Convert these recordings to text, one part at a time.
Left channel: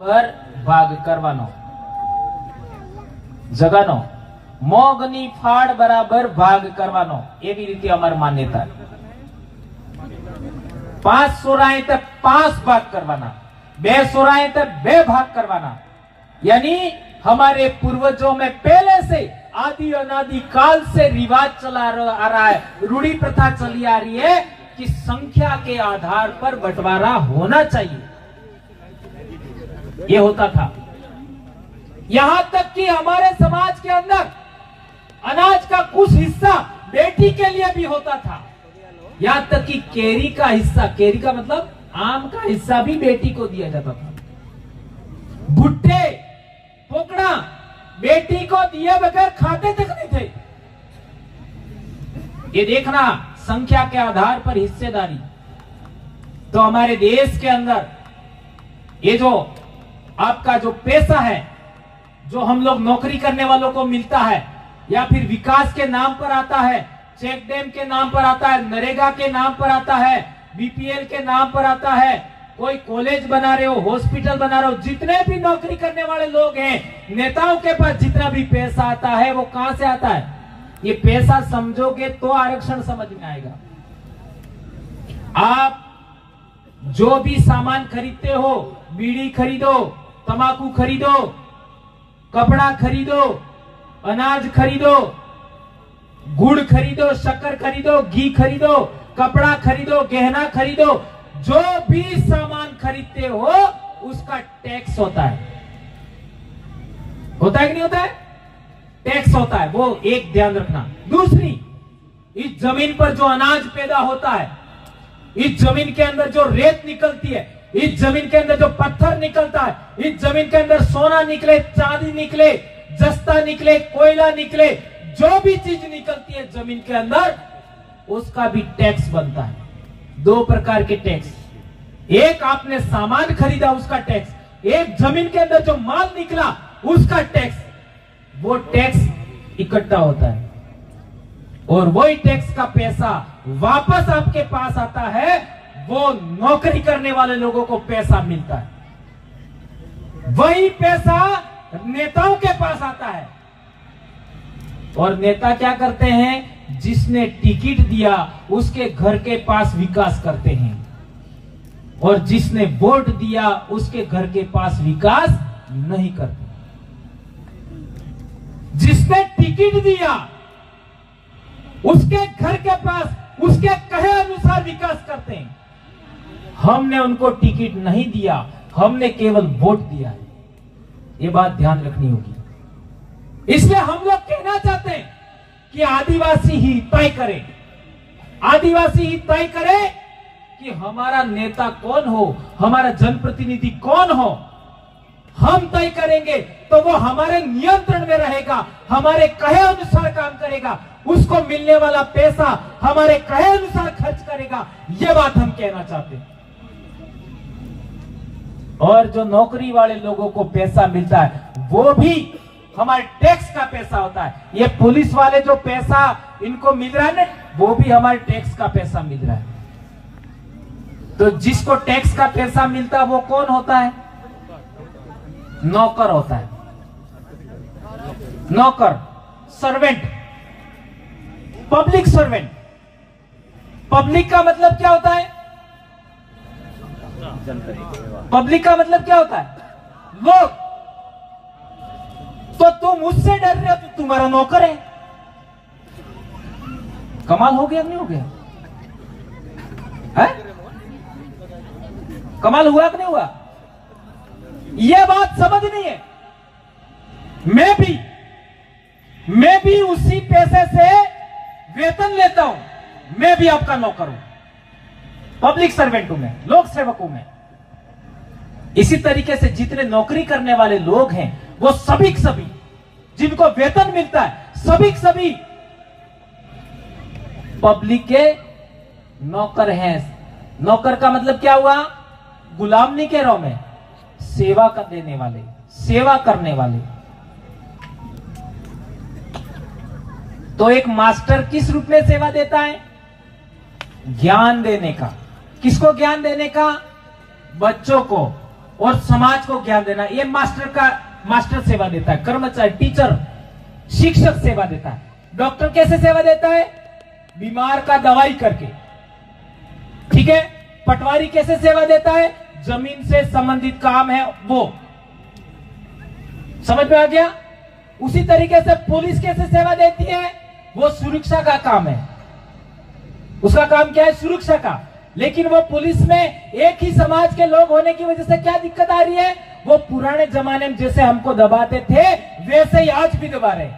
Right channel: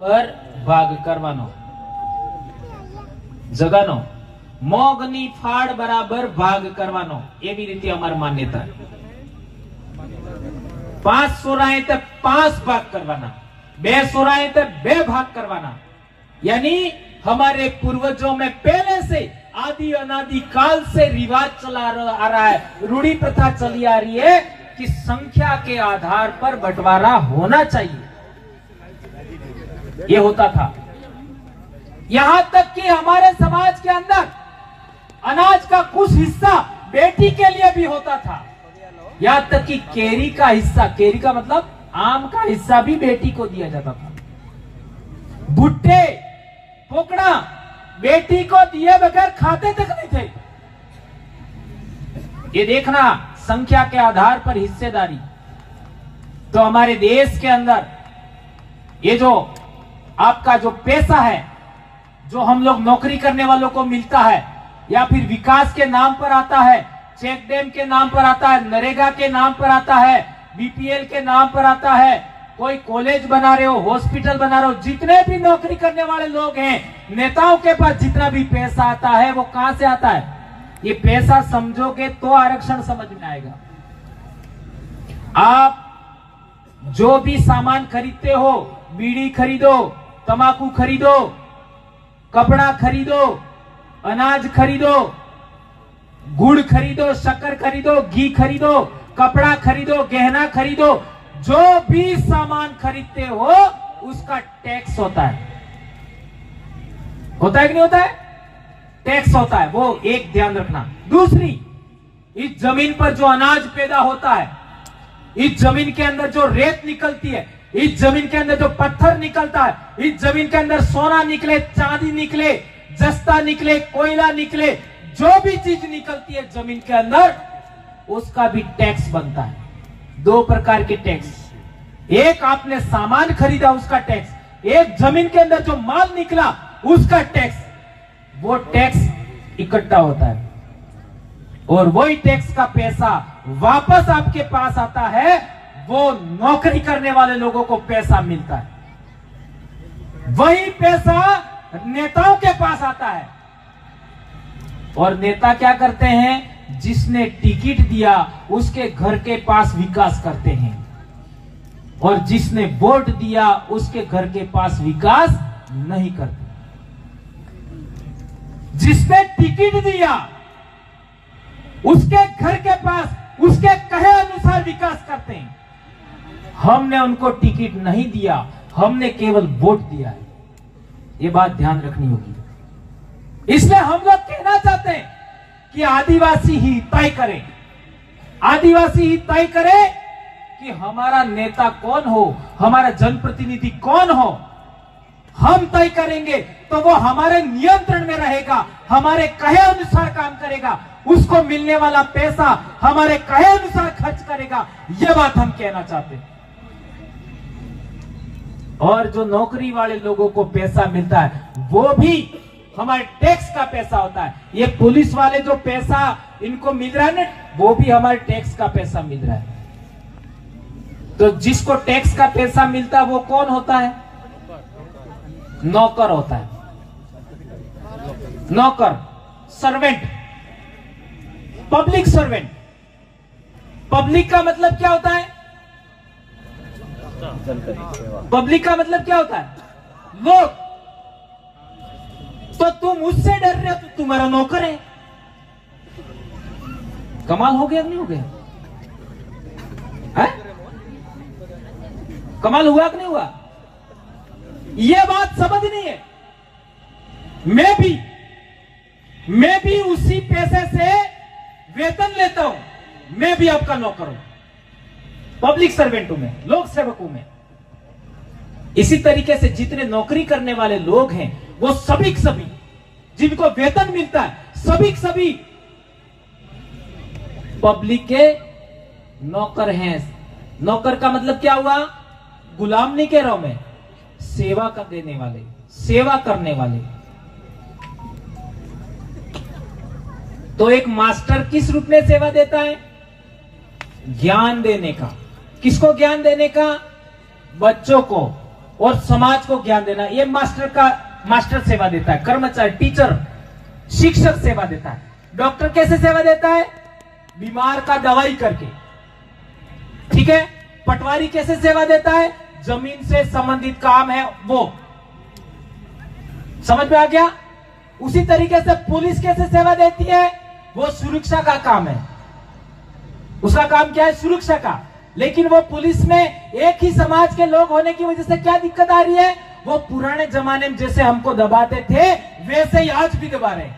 પર ભાગ કરવાનો જગાનો મોગની ફાળ બરાબર ભાગ કરવાનો એવી રીતે અમારી માન્યતા 5 સોરાએ તે 5 भाग करवाना 2 सोराए ते 2 भाग करवाना यानी हमारे पूर्वजों में पहले से आदि अनादि काल से रिवाज चला आ रहा है, रूढ़ी प्रथा चली आ रही है कि संख्या के आधार पर बंटवारा होना चाहिए। ये होता था। यहां तक कि हमारे समाज के अंदर अनाज का कुछ हिस्सा बेटी के लिए भी होता था। यहां तक कि केरी का हिस्सा, केरी का मतलब आम का हिस्सा भी बेटी को दिया जाता था। भुट्टे पोकड़ा बेटी को दिए बगैर खाते तक नहीं थे। ये देखना संख्या के आधार पर हिस्सेदारी। तो हमारे देश के अंदर ये जो आपका जो पैसा है, जो हम लोग नौकरी करने वालों को मिलता है या फिर विकास के नाम पर आता है, चेक डैम के नाम पर आता है, नरेगा के नाम पर आता है, बीपीएल के नाम पर आता है, कोई कॉलेज बना रहे हो, हॉस्पिटल बना रहे हो, जितने भी नौकरी करने वाले लोग हैं, नेताओं के पास जितना भी पैसा आता है वो कहां से आता है? ये पैसा समझोगे तो आरक्षण समझ में आएगा। आप जो भी सामान खरीदते हो, बीड़ी खरीदो, तंबाकू खरीदो, कपड़ा खरीदो, अनाज खरीदो, गुड़ खरीदो, शक्कर खरीदो, घी खरीदो, कपड़ा खरीदो, गहना खरीदो, जो भी सामान खरीदते हो उसका टैक्स होता है। होता है कि नहीं होता है? टैक्स होता है। वो एक ध्यान रखना। दूसरी, इस जमीन पर जो अनाज पैदा होता है, इस जमीन के अंदर जो रेत निकलती है, इस जमीन के अंदर जो पत्थर निकलता है, इस जमीन के अंदर सोना निकले, चांदी निकले, जस्ता निकले, कोयला निकले, जो भी चीज निकलती है जमीन के अंदर, उसका भी टैक्स बनता है। 2 प्रकार के टैक्स। एक आपने सामान खरीदा उसका टैक्स, एक जमीन के अंदर जो माल निकला उसका टैक्स। वो टैक्स इकट्ठा होता है और वही टैक्स का पैसा वापस आपके पास आता है। वो नौकरी करने वाले लोगों को पैसा मिलता है। वही पैसा नेताओं के पास आता है और नेता क्या करते हैं? जिसने टिकट दिया उसके घर के पास विकास करते हैं और जिसने वोट दिया उसके घर के पास विकास नहीं करते। जिसने टिकट दिया उसके घर के पास उसके कहे अनुसार विकास करते हैं। हमने उनको टिकट नहीं दिया, हमने केवल वोट दिया है। ये बात ध्यान रखनी होगी। इसलिए हम लोग कहना चाहते हैं कि आदिवासी ही तय करे, आदिवासी ही तय करे कि हमारा नेता कौन हो, हमारा जनप्रतिनिधि कौन हो। हम तय करेंगे तो वो हमारे नियंत्रण में रहेगा, हमारे कहे अनुसार काम करेगा, उसको मिलने वाला पैसा हमारे कहे अनुसार खर्च करेगा। ये बात हम कहना चाहते हैं। और जो नौकरी वाले लोगों को पैसा मिलता है वो भी हमारे टैक्स का पैसा होता है। ये पुलिस वाले जो पैसा इनको मिल रहा है ना, वो भी हमारे टैक्स का पैसा मिल रहा है। तो जिसको टैक्स का पैसा मिलता है वो कौन होता है? नौकर होता है। नौकर, सर्वेंट, पब्लिक सर्वेंट। पब्लिक का मतलब क्या होता है? पब्लिक का मतलब क्या होता है? लोग। तो तुम मुझसे डर रहे हो तो तुम्हारा नौकर है। कमाल हो गया नहीं हो गया? है? कमाल हुआ कि नहीं हुआ? यह बात समझनी है। मैं भी उसी पैसे से वेतन लेता हूं, मैं भी आपका नौकर हूं, पब्लिक सर्वेंट हूं मैं, लोक सेवक हूं मैं। इसी तरीके से जितने नौकरी करने वाले लोग हैं वो सभी जिनको वेतन मिलता है, सभी पब्लिक के नौकर हैं। नौकर का मतलब क्या हुआ? गुलाम नहीं कह रहा हूं मैं, सेवा कर देने वाले, सेवा करने वाले। तो एक मास्टर किस रूप में सेवा देता है? ज्ञान देने का। किसको ज्ञान देने का? बच्चों को। और समाज को ज्ञान देना, ये मास्टर सेवा देता है। कर्मचारी, टीचर, शिक्षक सेवा देता है। डॉक्टर कैसे सेवा देता है? बीमार का दवाई करके, ठीक है। पटवारी कैसे सेवा देता है? जमीन से संबंधित काम है वो। समझ में आ गया? उसी तरीके से पुलिस कैसे सेवा देती है? वो सुरक्षा का काम है। उसका काम क्या है? सुरक्षा का। लेकिन वो पुलिस में एक ही समाज के लोग होने की वजह से क्या दिक्कत आ रही है? वो पुराने जमाने में जैसे हमको दबाते थे वैसे ही आज भी दबा रहे।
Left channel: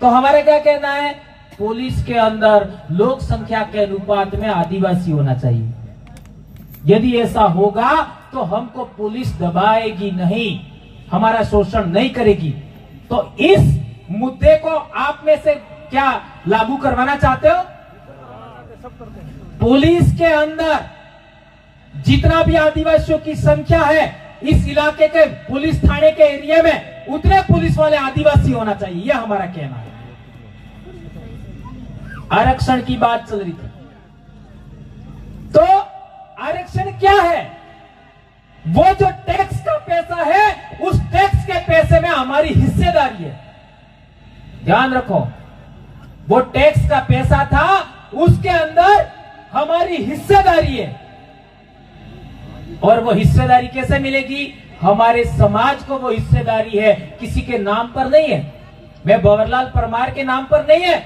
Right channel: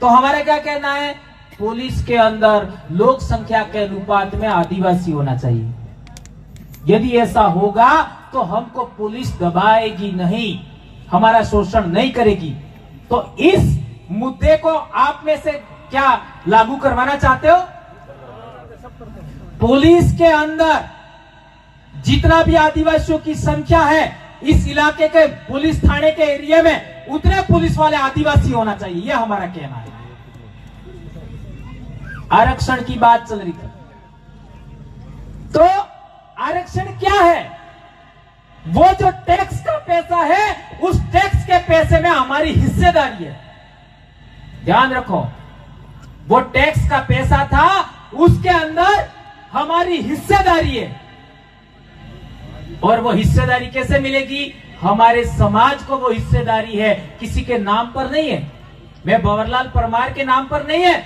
तो हमारे क्या कहना है? पुलिस के अंदर लोक संख्या के अनुपात में आदिवासी होना चाहिए। यदि ऐसा होगा तो हमको पुलिस दबाएगी नहीं, हमारा शोषण नहीं करेगी। तो इस मुद्दे को आप में से क्या लागू करवाना चाहते हो? पुलिस के अंदर जितना भी आदिवासियों की संख्या है, इस इलाके के पुलिस थाने के एरिया में उतने पुलिस वाले आदिवासी होना चाहिए, यह हमारा कहना है। आरक्षण की बात चल रही थी, तो आरक्षण क्या है? वो जो टैक्स का पैसा है, उस टैक्स के पैसे में हमारी हिस्सेदारी है। ध्यान रखो, वो टैक्स का पैसा था, उसके अंदर हमारी हिस्सेदारी है। और वो हिस्सेदारी कैसे मिलेगी? हमारे समाज को वो हिस्सेदारी है, किसी के नाम पर नहीं है। मैं भंवरलाल परमार के नाम पर नहीं है,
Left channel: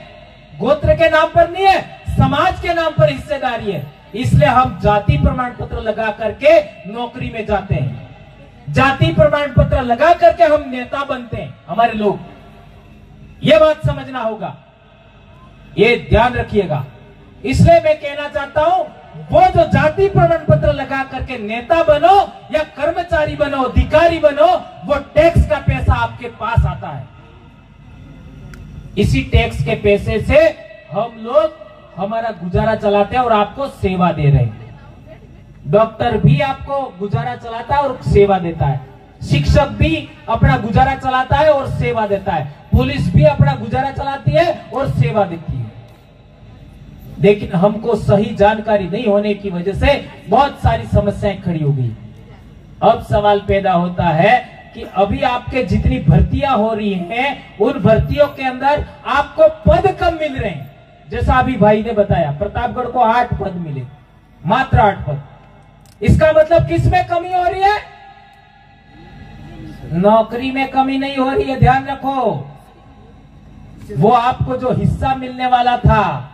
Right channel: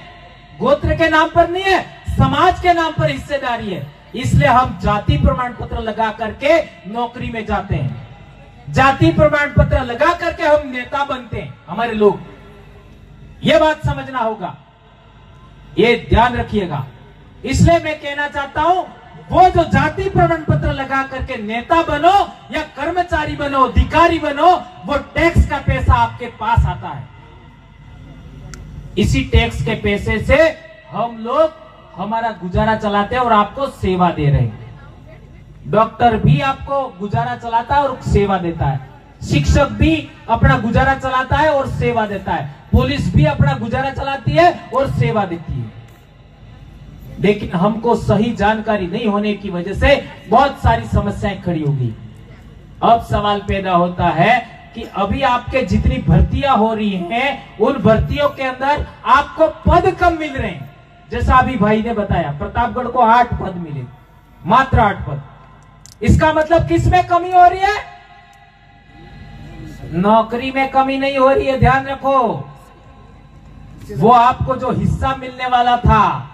गोत्र के नाम पर नहीं है, समाज के नाम पर हिस्सेदारी है। इसलिए हम जाति प्रमाण पत्र लगा करके नौकरी में जाते हैं, जाति प्रमाण पत्र लगा करके हम नेता बनते हैं हमारे लोग। ये बात समझना होगा, ये ध्यान रखिएगा। इसलिए मैं कहना चाहता हूं, वो जो जाति प्रमाण पत्र लगा करके नेता बनो या कर्मचारी बनो, अधिकारी बनो, वो टैक्स का पैसा आपके पास आता है। इसी टैक्स के पैसे से हम लोग हमारा गुजारा चलाते हैं और आपको सेवा दे रहे हैं। डॉक्टर भी आपको गुजारा चलाता है और सेवा देता है, शिक्षक भी अपना गुजारा चलाता है और सेवा देता है, पुलिस भी अपना गुजारा चलाती है और सेवा देती है। लेकिन हमको सही जानकारी नहीं होने की वजह से बहुत सारी समस्याएं खड़ी हो गई। अब सवाल पैदा होता है कि अभी आपके जितनी भर्तियां हो रही हैं, उन भर्तियों के अंदर आपको पद कम मिल रहे हैं। जैसा अभी भाई ने बताया, प्रतापगढ़ को 8 पद मिले, मात्र 8 पद। इसका मतलब किस में कमी हो रही है? नौकरी में कमी नहीं हो रही है, ध्यान रखो। वो आपको जो हिस्सा मिलने वाला था,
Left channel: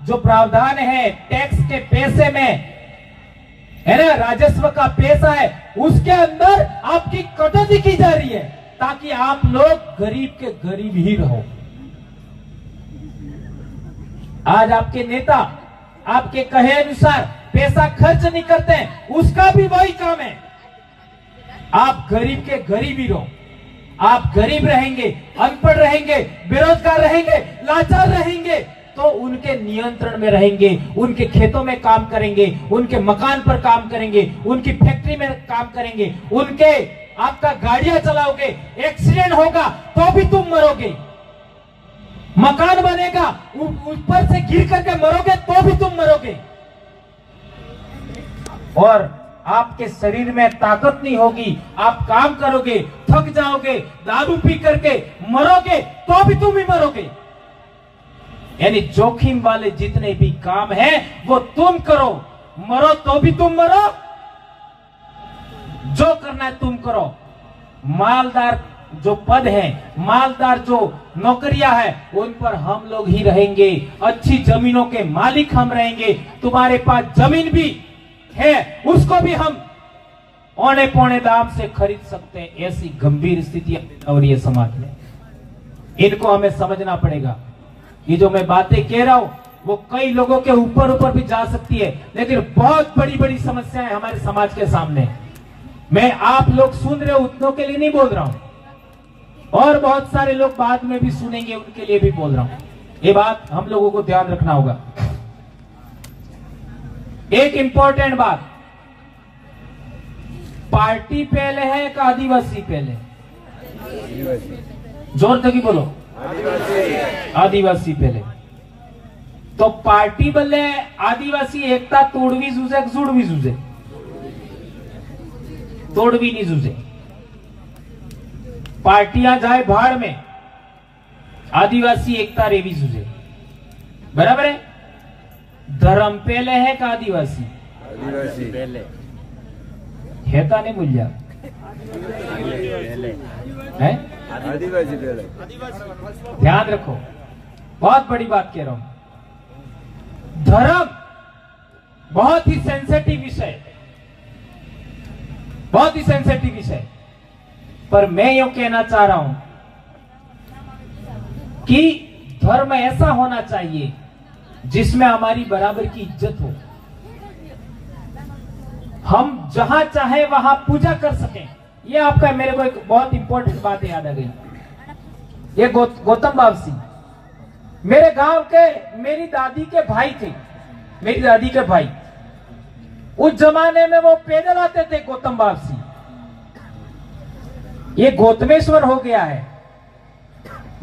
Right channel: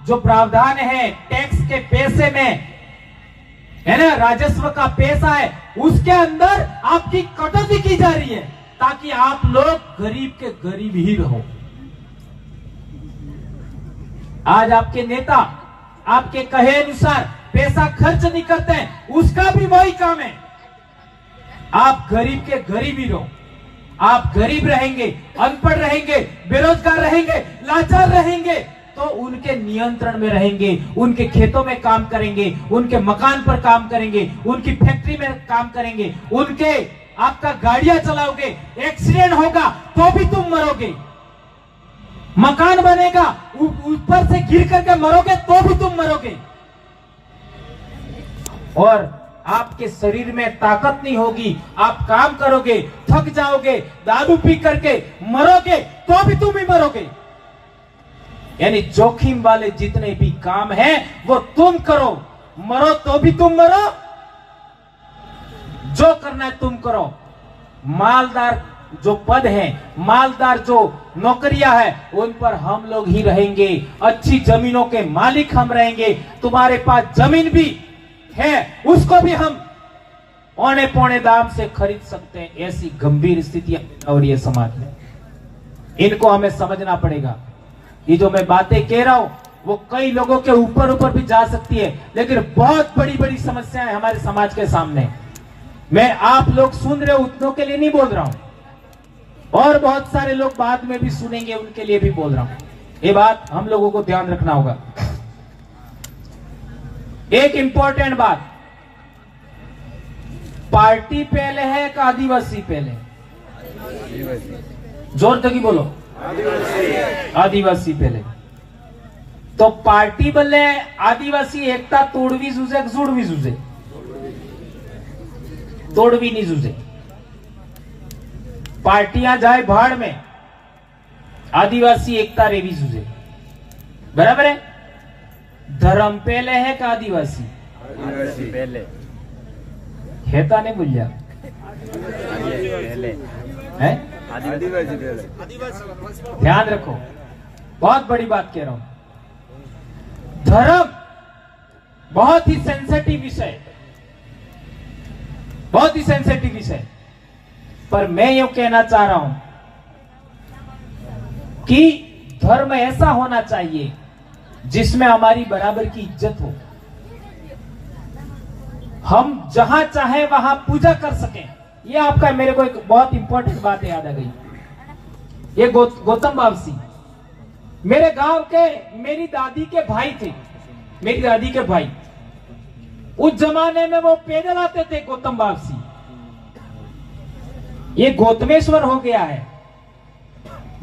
जो प्रावधान है टैक्स के पैसे में, है ना, राजस्व का पैसा है, उसके अंदर आपकी कटौती की जा रही है ताकि आप लोग गरीब के गरीब ही रहो। आज आपके नेता आपके कहे अनुसार पैसा खर्च नहीं करते हैं, उसका भी वही काम है। आप गरीब के गरीब ही रहो। आप गरीब रहेंगे, अनपढ़ रहेंगे, बेरोजगार रहेंगे, लाचार रहेंगे, तो उनके नियंत्रण में रहेंगे, उनके खेतों में काम करेंगे, उनके मकान पर काम करेंगे, उनकी फैक्ट्री में काम करेंगे, उनके आपका गाड़ियां चलाओगे, एक्सीडेंट होगा तो भी तुम मरोगे, मकान बनेगा ऊपर से गिर करके मरोगे तो भी तुम मरोगे, और आपके शरीर में ताकत नहीं होगी, आप काम करोगे, थक जाओगे, दारू पी करके मरोगे तो भी तुम ही मरोगे। यानी जोखिम वाले जितने भी काम हैं वो तुम करो, मरो तो भी तुम मरो, जो करना है तुम करो। मालदार जो पद हैं, मालदार जो नौकरियां हैं, उन पर हम लोग ही रहेंगे, अच्छी जमीनों के मालिक हम रहेंगे। तुम्हारे पास जमीन भी है, उसको भी हम औने पौने दाम से खरीद सकते हैं। ऐसी गंभीर स्थितियां हो रही है समाज में, इनको हमें समझना पड़ेगा। ये जो मैं बातें कह रहा हूं वो कई लोगों के ऊपर भी जा सकती है, लेकिन बहुत बड़ी बड़ी समस्याएं हमारे समाज के सामने। मैं आप लोग सुन रहे हो उतनों के लिए नहीं बोल रहा हूं, और बहुत सारे लोग बाद में भी सुनेंगे, उनके लिए भी बोल रहा हूं। ये बात हम लोगों को ध्यान रखना होगा। एक इंपॉर्टेंट बात, पार्टी पहले है कि आदिवासी पहले? जोर तक ही बोलो, आदिवासी पहले। तो पार्टी बल्ले आदिवासी एकता तोड़वी जूझे जुड़वी जूझे? तोड़वी नहीं जूझे। पार्टियां जाए भाड़ में, आदिवासी एकता रेवी जूझे। बराबर है? धर्म पहले है का आदिवासी पहले हेता ने बोलिया है? आदिवासी पहले। ध्यान रखो, बहुत बड़ी बात कह रहा हूं। धर्म बहुत ही सेंसिटिव विषय, बहुत ही सेंसिटिव विषय, पर मैं यूं कहना चाह रहा हूं कि धर्म ऐसा होना चाहिए जिसमें हमारी बराबर की इज्जत हो, हम जहां चाहे वहां पूजा कर सकें। ये आपका, मेरे को एक बहुत इंपॉर्टेंट बात याद आ गई। ये गौतम बावसी मेरे गांव के, मेरी दादी के भाई थे, मेरी दादी के भाई। उस जमाने में वो पैदल आते थे गौतम बावसी। ये गौतमेश्वर हो गया है।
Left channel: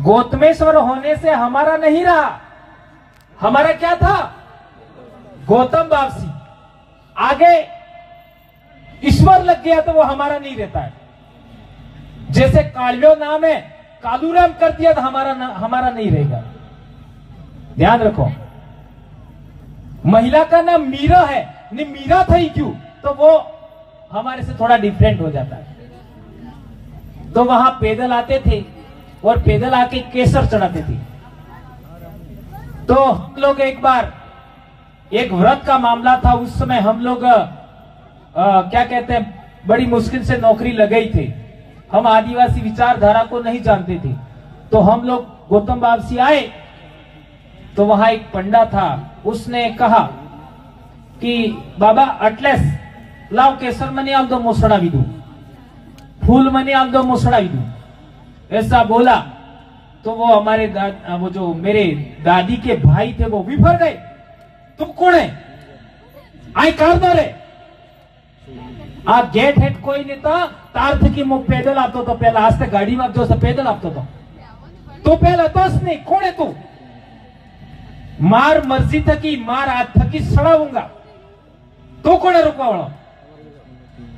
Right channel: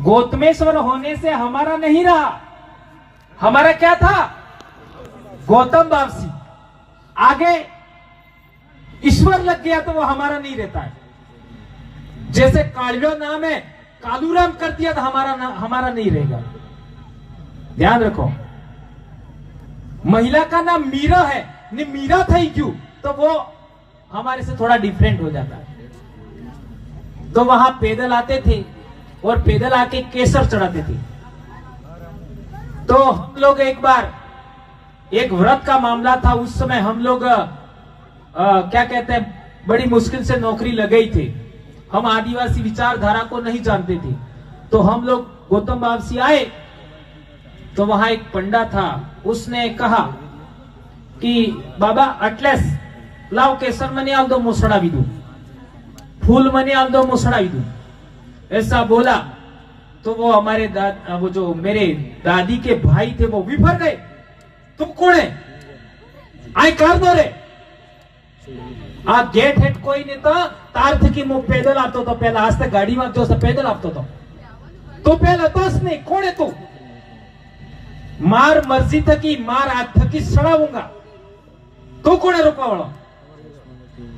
गौतमेश्वर होने से हमारा नहीं रहा, हमारा क्या था? गौतम बावसी। आगे ईश्वर लग गया तो वो हमारा नहीं रहता है। जैसे कालियो नाम है, कालूराम कर दिया तो हमारा नहीं रहेगा। ध्यान रखो। महिला का नाम मीरा है, नहीं मीरा था ही क्यों, तो वो हमारे से थोड़ा डिफरेंट हो जाता है। तो वहां पैदल आते थे और पैदल आके केसर चढ़ाते थे। तो हम लोग एक बार, एक व्रत का मामला था, उस समय हम लोग क्या कहते हैं, बड़ी मुश्किल से नौकरी लगाई थे। हम आदिवासी विचारधारा को नहीं जानते थे। तो हम लोग गौतम बावसी आए, तो वहां एक पंडा था, उसने कहा कि बाबा अटलेस लाओ केसर मनी आल दो मोसड़ा भी दू, फूल मनी आल दो मोसड़ा भी दू, ऐसा बोला। तो वो हमारे वो जो मेरे दादी के भाई थे वो विफर गए। तुम कौन है? आए कारदार है। आ गेट हेड कोई नहीं था, तार थी कि मु पैदल आपतो तो पहला, आज तक गाड़ी में जो पैदल आपतो तो पहला तस नहीं, कौन है तू? मार मर्जी थकी, मार आज थकी सड़ाऊंगा, तो कौन है रुका वाला?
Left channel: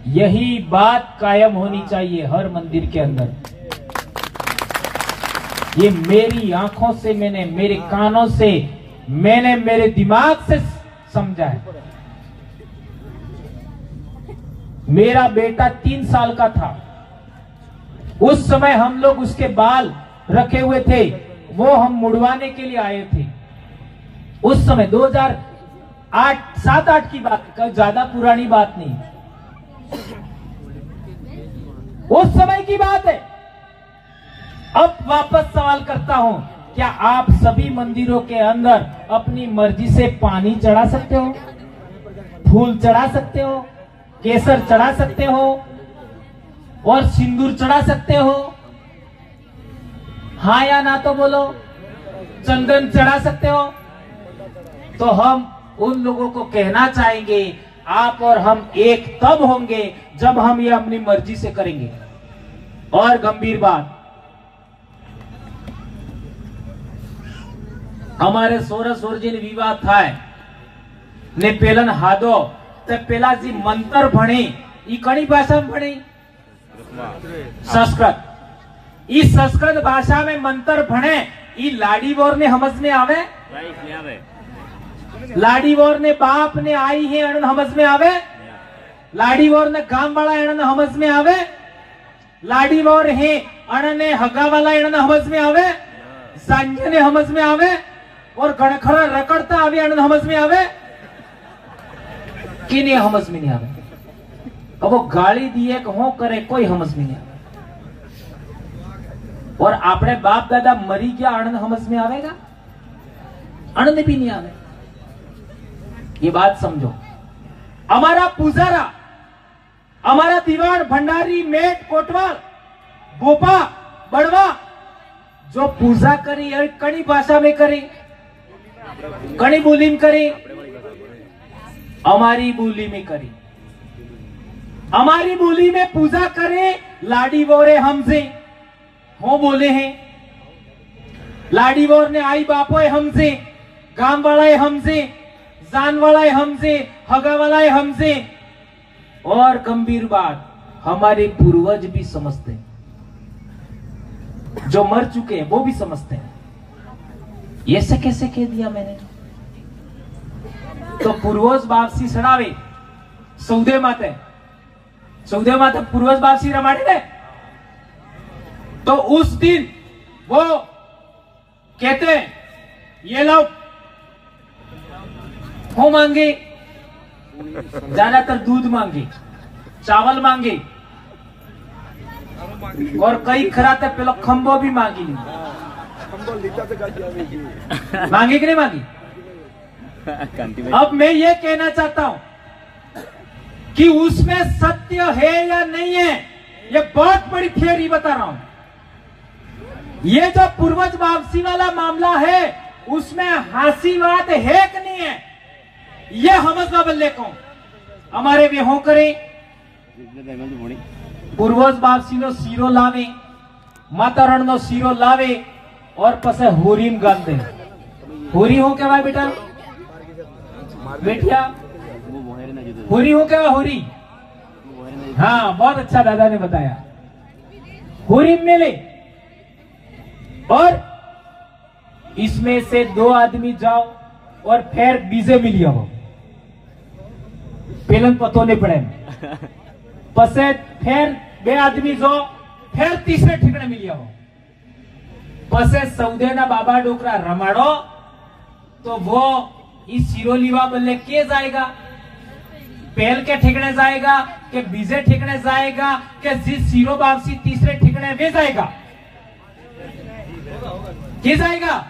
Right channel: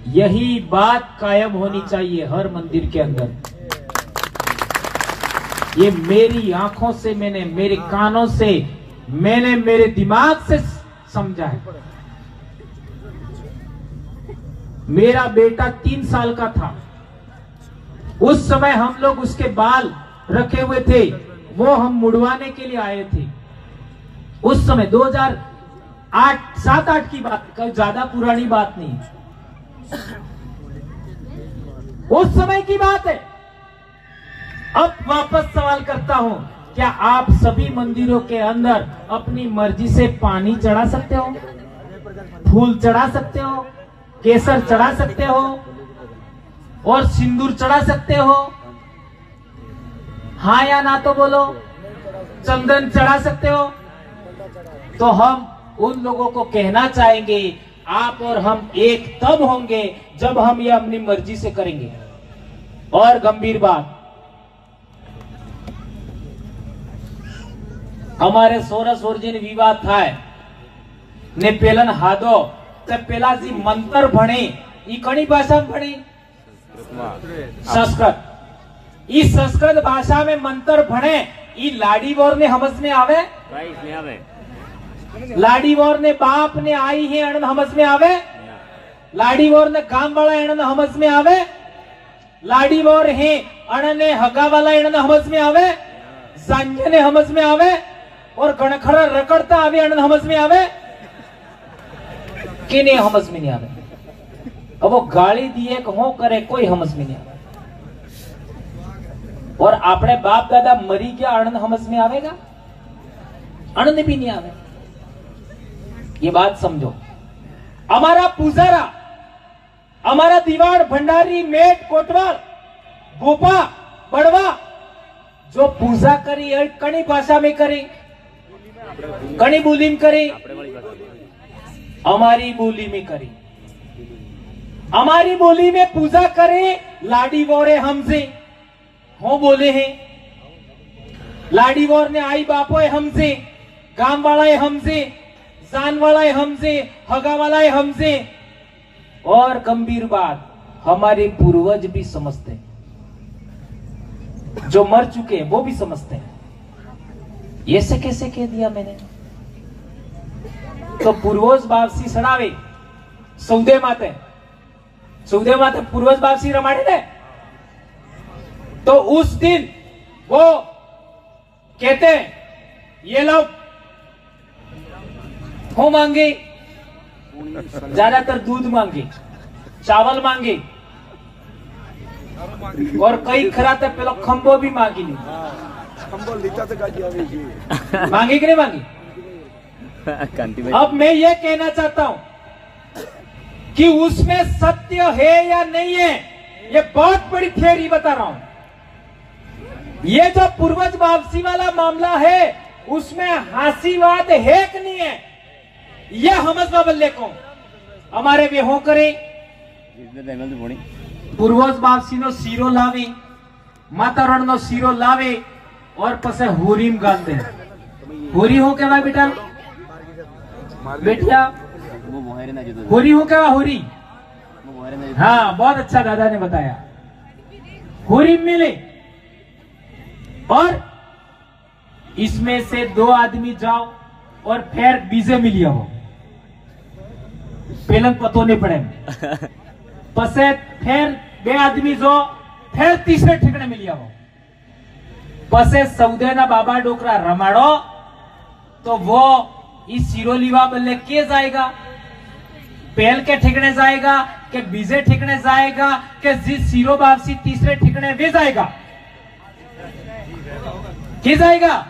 यही बात कायम होनी चाहिए हर मंदिर के अंदर। ये मेरी आंखों से मैंने, मेरे कानों से मैंने, मेरे दिमाग से समझा है। मेरा बेटा 3 साल का था, उस समय हम लोग उसके बाल रखे हुए थे, वो हम मुड़वाने के लिए आए थे। उस समय 2007-8 की बात, कोई ज्यादा पुरानी बात नहीं, उस समय की बात है। अब वापस सवाल करता हूं, क्या आप सभी मंदिरों के अंदर अपनी मर्जी से पानी चढ़ा सकते हो, फूल चढ़ा सकते हो, केसर चढ़ा सकते हो और सिंदूर चढ़ा सकते हो? हाँ या ना तो बोलो। चंदन चढ़ा सकते हो? तो हम उन लोगों को कहना चाहेंगे, आप और हम एक तब होंगे जब हम ये अपनी मर्जी से करेंगे। और गंभीर बात, हमारे सोरस ओरजिन विवाह थाय ने पेलन हादो ते पेलाजी मंत्र भणे, ई कणी भाषा में भणी? संस्कृत। इस संस्कृत भाषा में मंत्र भणे, ई लाडी वोर ने समझ में आवे? लाडी वोर ने बाप ने आई है अणन समझ में आवे? लाडी वोर ने गांव वाला अणन समझ में आवे? लाडी वोर है अणने हगा वाला अणन समझ में आवे? सांझे ने समझ में आवे? और गणखड़ा रकड़ता आवे अणन समझ में आवे कि नहीं? समझ में नहीं आवे। अब वो गाली दिए कि हो करे, कोई समझ में नहीं आवे। और आपने बाप दादा मरी गया, अणन समझ में आवेगा? अणन भी नहीं आवे। ये बात समझो। हमारा पुजारा, हमारा दीवान, भंडारी, मेट, कोटवाल, गोपा, बड़वा जो पूजा करी है कणी भाषा में करी, कणी बोली में करी, हमारी बोली में करी। हमारी बोली में पूजा करे, लाडी वोरे हमसे हो बोले हैं। लाडी वोर ने आई बापो है हमसे, गांव वाला है हमसे, जान वाला है हमसे, हगा वाला है हमसे। और गंभीर बात, हमारे पूर्वज भी समझते हैं, जो मर चुके हैं वो भी समझते हैं। ये से कैसे कह दिया मैंने? तो पूर्वज बापसी सड़ावे सौदे माते पूर्वज बापसी रमाड़े ने। तो उस दिन वो कहते हैं ये लो हो मांगे, ज्यादातर दूध मांगे, चावल मांगे, और कई खराते पेलो खंबो भी मांगी ली। मांगी कि नहीं मांगी? अब मैं ये कहना चाहता हूं कि उसमें सत्य है या नहीं है, ये बहुत बड़ी थ्योरी बता रहा हूं। ये जो पूर्वज वापसी वाला मामला है उसमें हासीवाद है कि नहीं है, ये समझना बल्ले को हमारे वे हो करे। पूर्वज वापसी नो सीरो लावे, माता रण नो सीरो लावे और पसे होरीम गाल दे। होरी हो क्या भाई बेटा? बेटिया होरी हो क्या? होरी, हाँ बहुत अच्छा दादा ने बताया। होरी मिले और इसमें से 2 आदमी जाओ और फिर बीजे मिली हो, पेलन पतो नहीं पड़े। पसे फिर 2 आदमी जो फिर तीसरे ठिकाने मिलिया हो। पसे सौदे ना बाबा डोकरा रमाड़ो तो वो इस सिरोलीवा बल्ले के जाएगा, पेल के ठिकाने जाएगा के बीजे ठिकाने जाएगा के जिस सीरो वापसी तीसरे ठिकाने वे जाएगा? के जाएगा?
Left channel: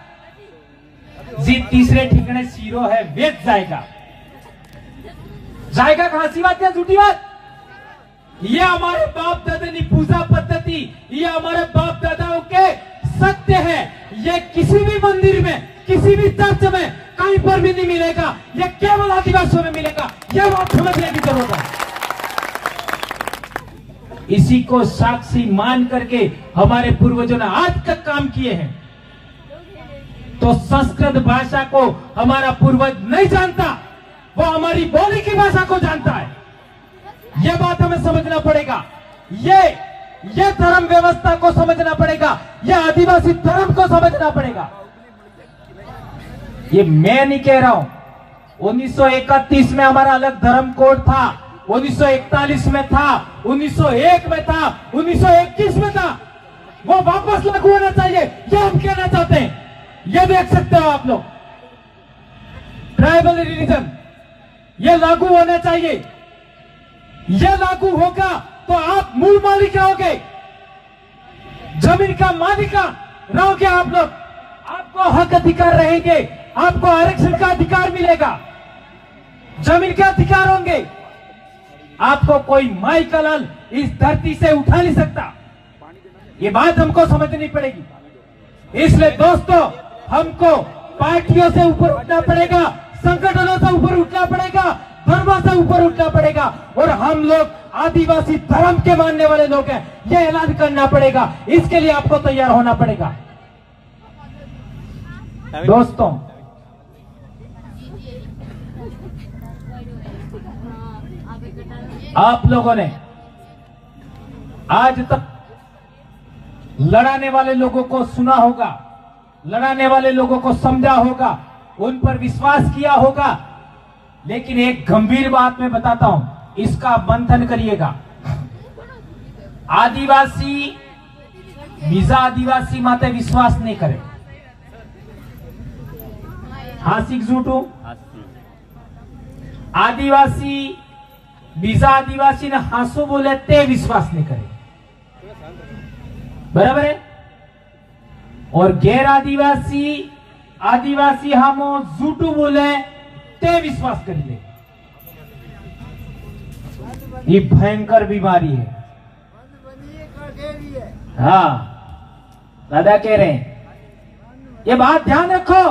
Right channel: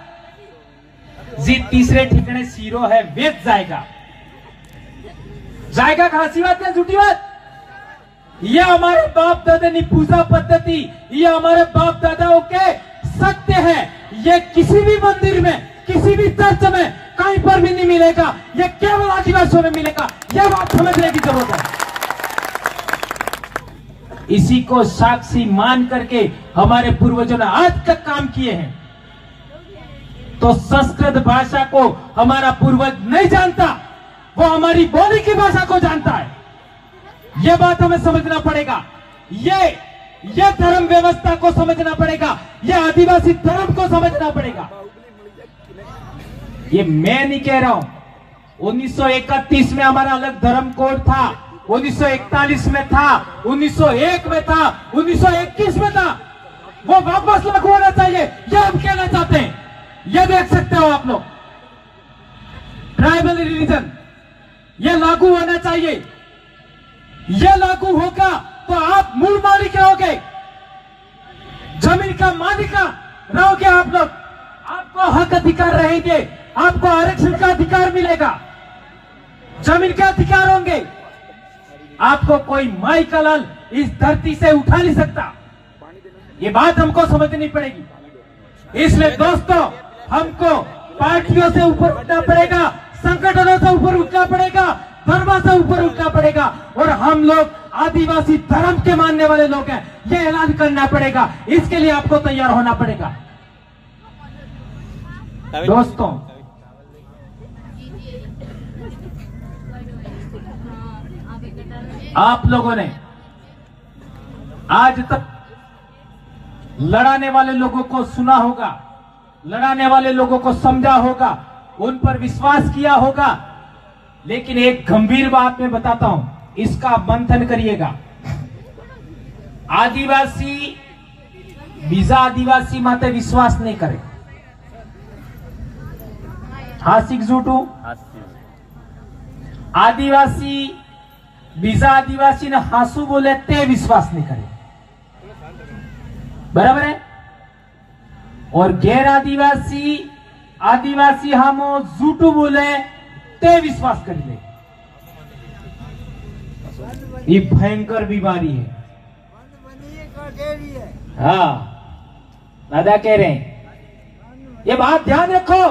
जी तीसरे ठिकाने सीरो है वे जाएगा। जाएगा खासी बात या झूठी बात? ये हमारे बाप दादा की पूजा पद्धति, ये हमारे बाप दादाओं के सत्य है। ये किसी भी मंदिर में, किसी भी चर्च में कहीं पर भी नहीं मिलेगा, ये केवल आदिवासियों में मिलेगा। यह बात समझने की जरूरत है। इसी को साक्षी मान करके हमारे पूर्वजों ने आज तक काम किए हैं। तो संस्कृत भाषा को हमारा पूर्वज नहीं जानता, वो हमारी बोली की भाषा को जानता है। यह बात हमें समझना पड़ेगा। ये धर्म व्यवस्था को समझना पड़ेगा, यह आदिवासी धर्म को समझना पड़ेगा। ये मैं नहीं कह रहा हूं। 1931 में हमारा अलग धर्म कोड था, 1941 में था, 1901 में था, 1921 में था। वो वापस लागू होना चाहिए, यह हम कहना चाहते हैं। ये देख सकते हो आप लोग, ट्राइबल रिलीजन ये लागू होना चाहिए। ये लागू होगा तो आप मूल मालिक रहोगे, जमीन का मालिक रहोगे आप लोग। आपको हक अधिकार रहेंगे, आपको आरक्षण का अधिकार मिलेगा, जमीन के अधिकार होंगे। आपको कोई माई का लाल इस धरती से उठा नहीं सकता। ये बात हमको समझनी पड़ेगी। इसलिए दोस्तों, हमको पार्टियों से ऊपर उठना पड़ेगा, संगठनों से ऊपर उठना पड़ेगा, धर्म से ऊपर उठना पड़ेगा। और हम लोग आदिवासी धर्म के मानने वाले लोग हैं, यह ऐलान करना पड़ेगा। इसके लिए आपको तैयार होना पड़ेगा। दोस्तों, आप लोगों ने आज तक लड़ाने वाले लोगों को सुना होगा, लड़ाने वाले लोगों को समझा होगा, उन पर विश्वास किया होगा। लेकिन एक गंभीर बात मैं बताता हूं, इसका मंथन करिएगा। आदिवासी बीजा आदिवासी माते विश्वास नहीं करे। हासिक झूठो आदिवासी बीजा आदिवासी ने हासू बोले ते विश्वास नहीं करे, बराबर है। और गैर आदिवासी आदिवासी हमो झूठू बोले ते विश्वास कर ले। ये भयंकर बीमारी है। हाँ, दादा कह रहे हैं, ये बात ध्यान रखो।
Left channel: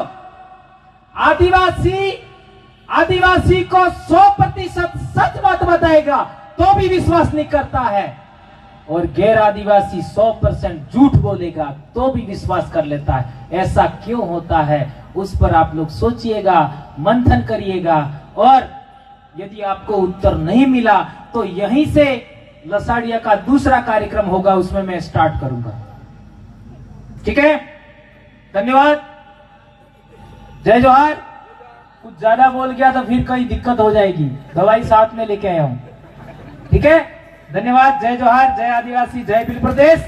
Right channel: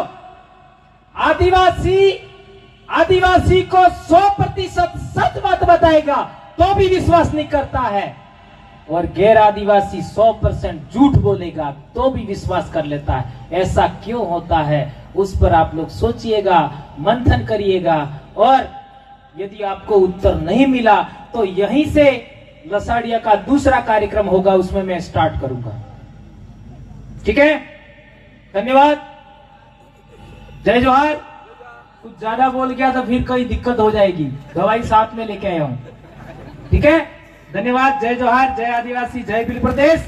आदिवासी को 100% सच बात बताएगा तो भी विश्वास नहीं करता है, और गैर आदिवासी 100% झूठ बोलेगा तो भी विश्वास कर लेता है। ऐसा क्यों होता है, उस पर आप लोग सोचिएगा, मंथन करिएगा। और यदि आपको उत्तर नहीं मिला तो यहीं से लसाड़िया का दूसरा कार्यक्रम होगा, उसमें मैं स्टार्ट करूंगा। ठीक है, धन्यवाद, जय जोहार। कुछ ज्यादा बोल गया तो फिर कहीं दिक्कत हो जाएगी, दवाई साथ में लेके आया हूं। ठीक है, धन्यवाद, जय जोहार, जय आदिवासी, जय भील प्रदेश।